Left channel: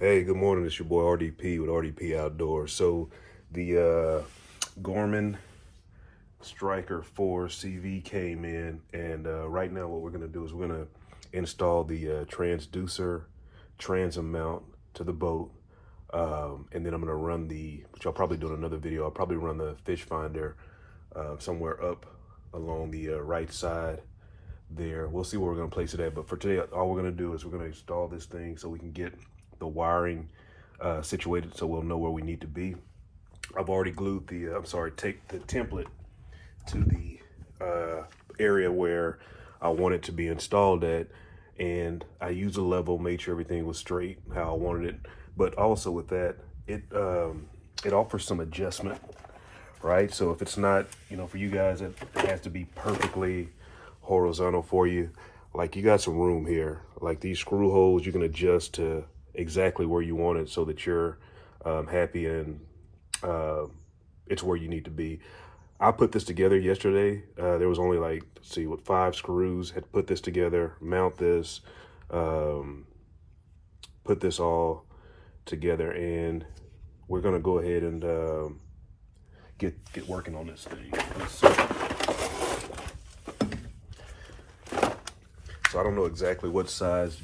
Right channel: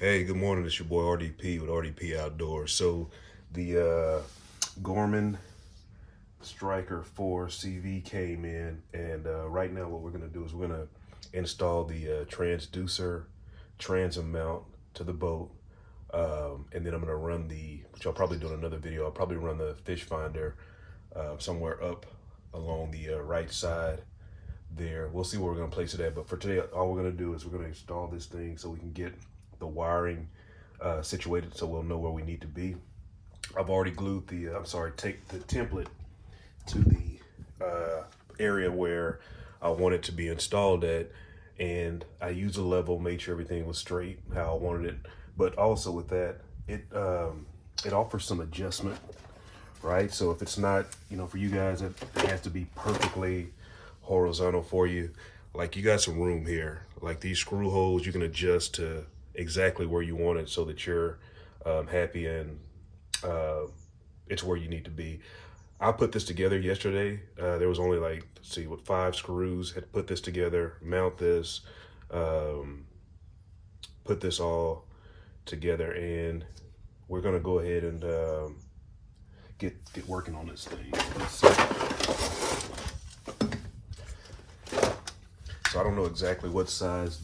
Hey, good morning. It's your boy RDP with RDP Outdoors. So the Garmin Stryker 4 CV came in, and right now what we're going to do is we're going to install the transducer transom mount to the boat. And then I'm going to run which I'll probably do in another video, I'll probably run the fish finder somewhere up along the right side there. We'll see where we're going to place it at. But for today, all we're going to do is we're going to install this thing so we can get the wiring situated so we'll know where we need to be. I've already glued take the template to the area where I want it to be installed at, and I used a level, made sure everything was straight how I wanted it. But also with that, it offers some adjustment, right? So if it's not, for you guys, it has to be perfectly horizontal for you. Like, you got some room here. Like, these screw holes you can adjust to exactly where you want it so that you're happy and it's where you need to be. I put this together yesterday. There was only like, 5 screws. Had to put this together, mount this, put this all together, and we're gonna go ahead and get working on this thing. So I don't know exactly what size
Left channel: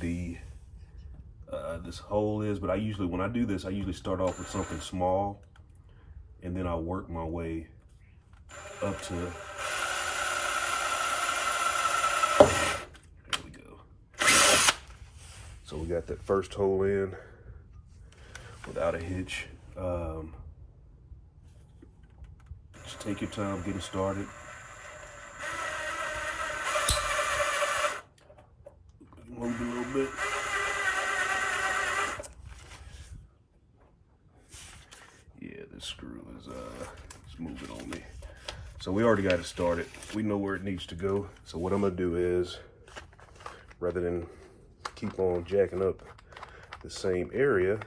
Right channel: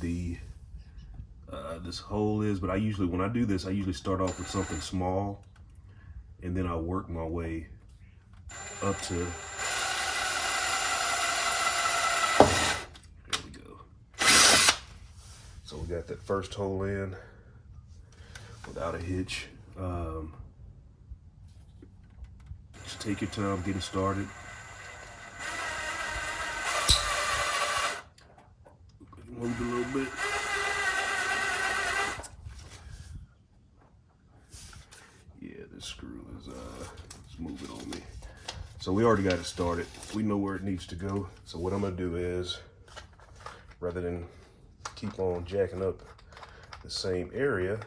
this hole is, but when I do this, I usually start off with something small, and then I work my way up to, there we go. So we got that first hole in without a hitch. Just take your time getting started. Move a little bit. Yeah, this screw is it's moving on me. So we already got it started. We know where it needs to go. So what I'm gonna do is, rather than keep on jacking up the same area,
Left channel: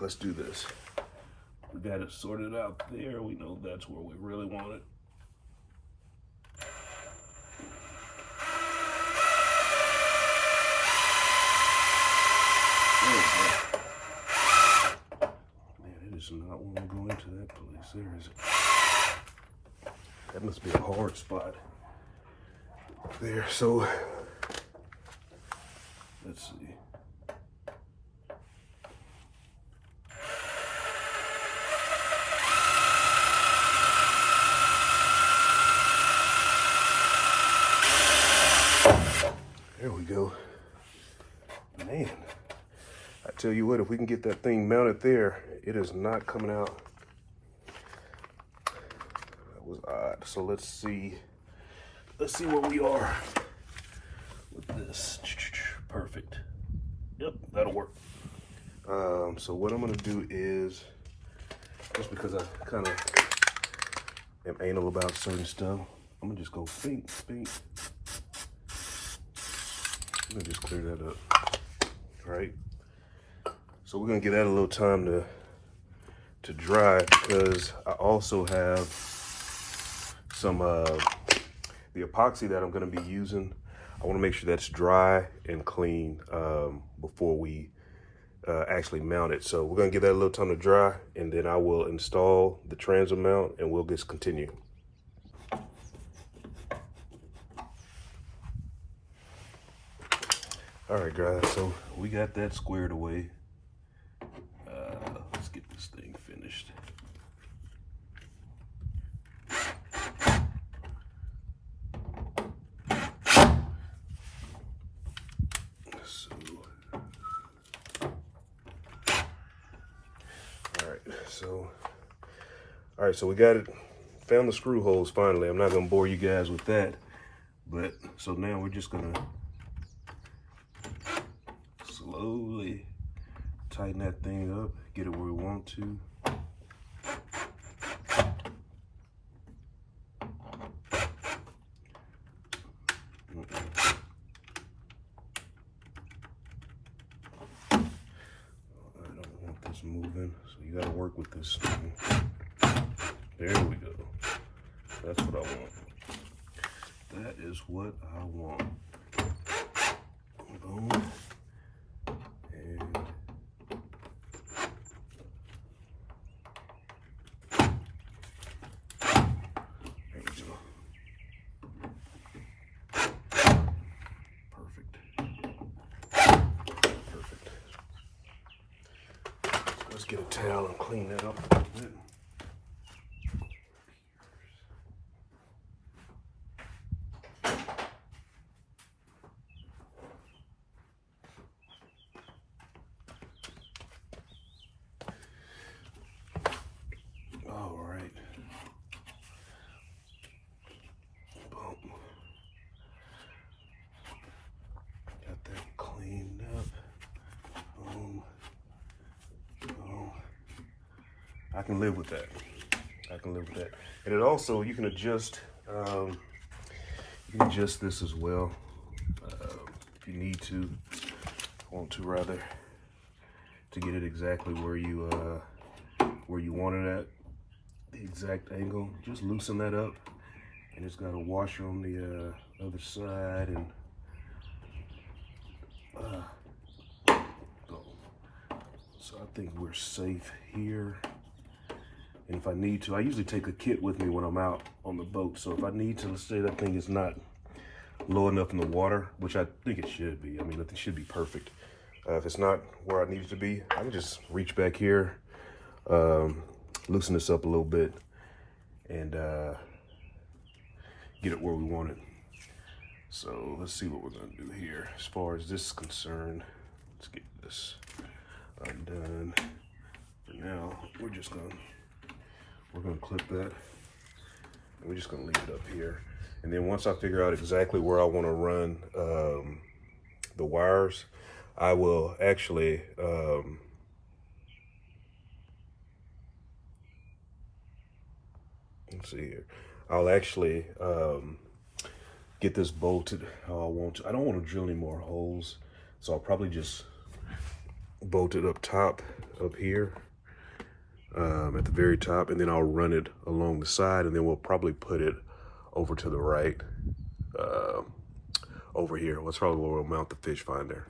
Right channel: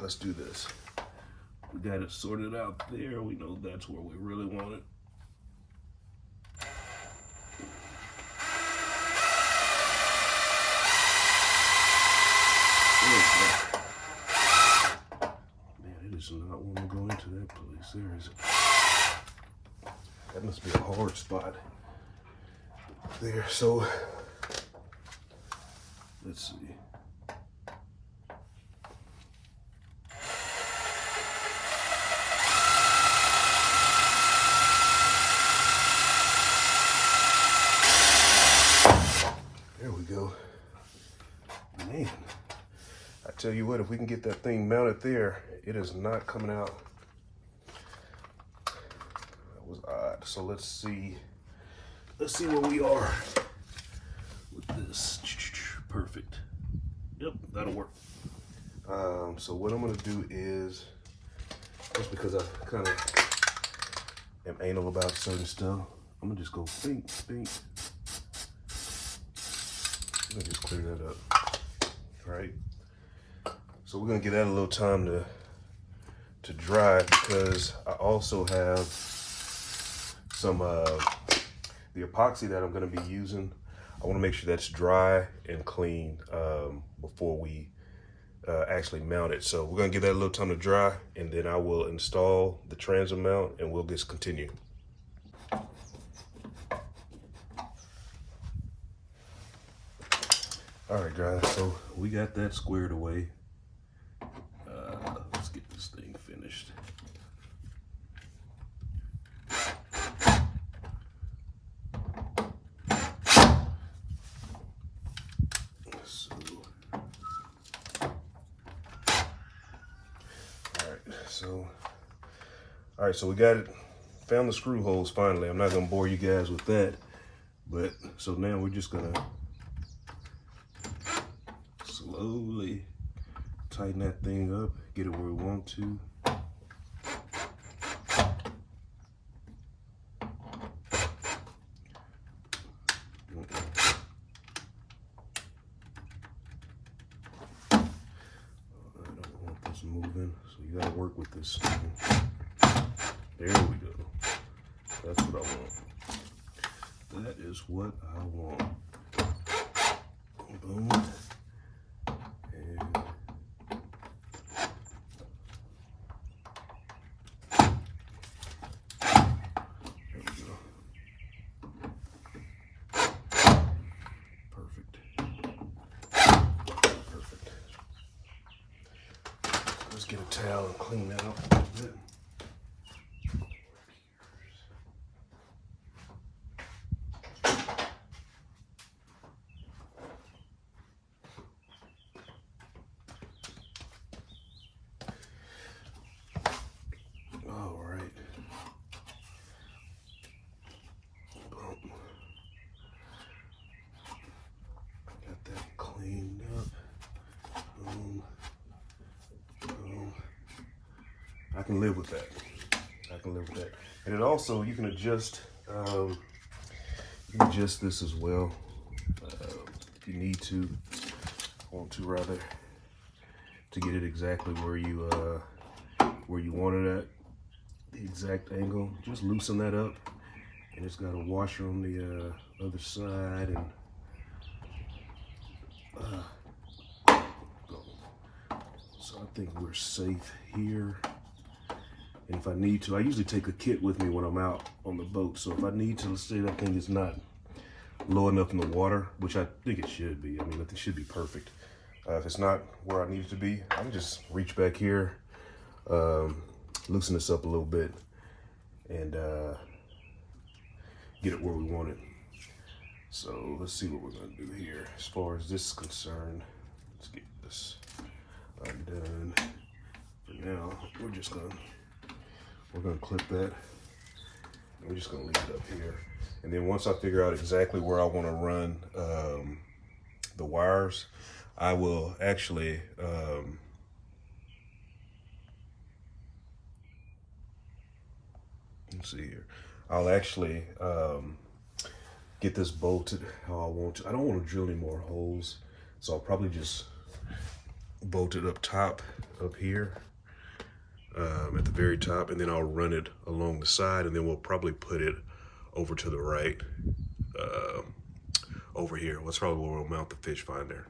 let's do this. We got it sorted out there. We know that's where we really want it. Man, it does not want to go into that place. There is. That must be a hard spot there. So let's see. There we go. Man, I tell you what, if we can get that thing mounted there, it is not coming out. That was odd. So let's see where we are with this. Perfect. Yep, that'll work. So what I'm gonna do is, just because I kind of am anal about certain stuff, I'm gonna just go think. I'm gonna just clean that up. All right. So we're gonna give that a little time to dry, because I also have some the epoxy that I'm gonna be using. I want to make sure that's dry and clean before we actually mount it. So we're gonna give that a little time to dry, and then I will install the transom mount and we'll just continue. All right, guys, so we got that squared away. Let's get this thing finished. All right, so we got it, found the screw holes finally. I'm not gonna bore you guys with that, but so now we're just gonna slowly tighten that thing up, get it where we want to. I don't want this moving, so you gotta work with this thing. There we go. That's what I want. That is what I want. Boom. get a towel and clean that up a little bit. All right. Boom. Got that cleaned up. Boom. Boom. I can live with that. I can live with that. And it also, you can adjust this as well if you need to, want to rather, to get it exactly where you want it at, the exact angle. Just loosen that up, and it's got a washer on the other side, and so I think we're safe here. And if I need to, I usually take a kit with me when I'm out on the boat. So if I need to, let's say that thing is not low enough in the water, which I think it should be. I mean, it should be perfect. If it's not where I need it to be, I can just reach back here, loosen this up a little bit, and get it where we want it. So let's see what we're gonna do here. As far as this is concerned, let's get this undone. For now, we're gonna clip that, and we're just gonna leave it up here. And then once I figure out exactly where I want to run the wires, I will actually let's see here. I'll actually get this bolted how I want to. I don't want to drill any more holes, so I'll probably just bolt it up top, up here, at the very top, and then I'll run it along the side, and then we'll probably put it over to the right, over here. That's probably where we'll mount the fish finder.